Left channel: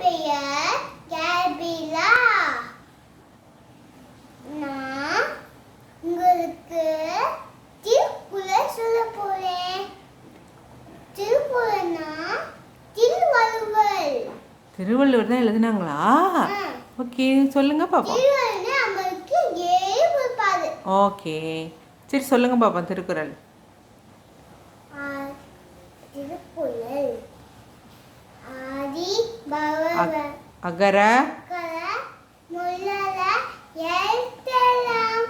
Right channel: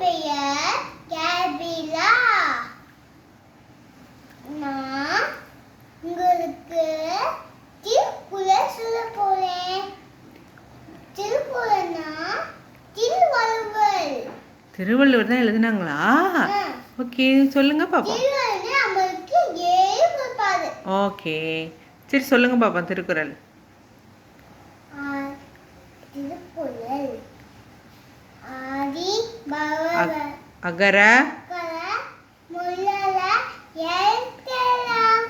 பெயர் கேபிலா. நான் உங்களுக்கு திருக்குறள் சொல்ல போறேன். திருக்குறள்னா திருவள்ளுவர். திருவள்ளுவர் தான் எழுதுனாங்களா? ஓகே, சொல்லுங்க பாப்பா. திருவள்ளுவர் நமக்கு 7 கொடுப்பாரு. ஓகே, சரி சொல்லுங்க பாப்பா திருக்குறள். திருக்குறள் ஆதி பகவ அகர முல்லல எழுத்தெல்லாம்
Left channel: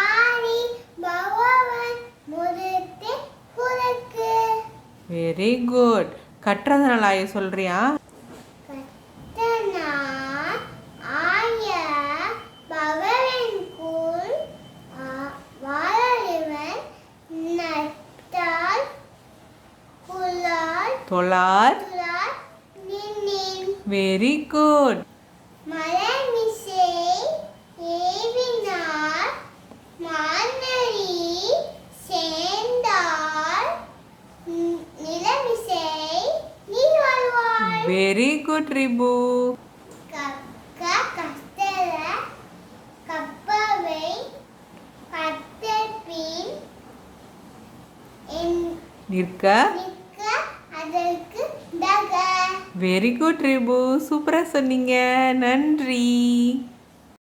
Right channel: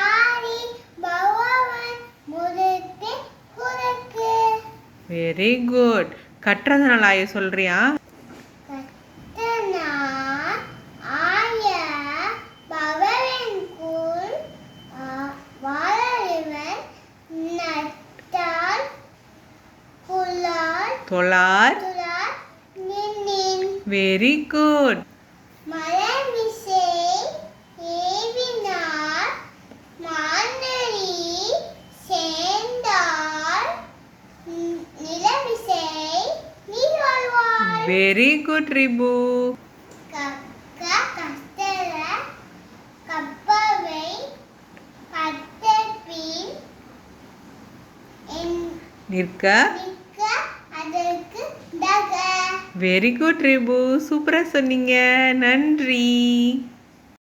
ஆதி பகவன் முதற்றே குறக்கு. Very good. கற்றதனால ஆய சொல்றியா? கற்றனா ஆய பகவன் கூழ் வாழறிவன் நட்டால் புலால் தொழார். நின்னின். Very good. மலமிசை ஏவினார் மாந்தரி சேர்ந்தார் நிலமிசை நீர் வாழ்வார். Very good Ribu. கஸ்தர கப்பவை கத்தபின் நிற்க நிற்க அதற்கு தக. வெரி குட் ரிபு, சூப்பரா சொன்னீங்க. நன்றி.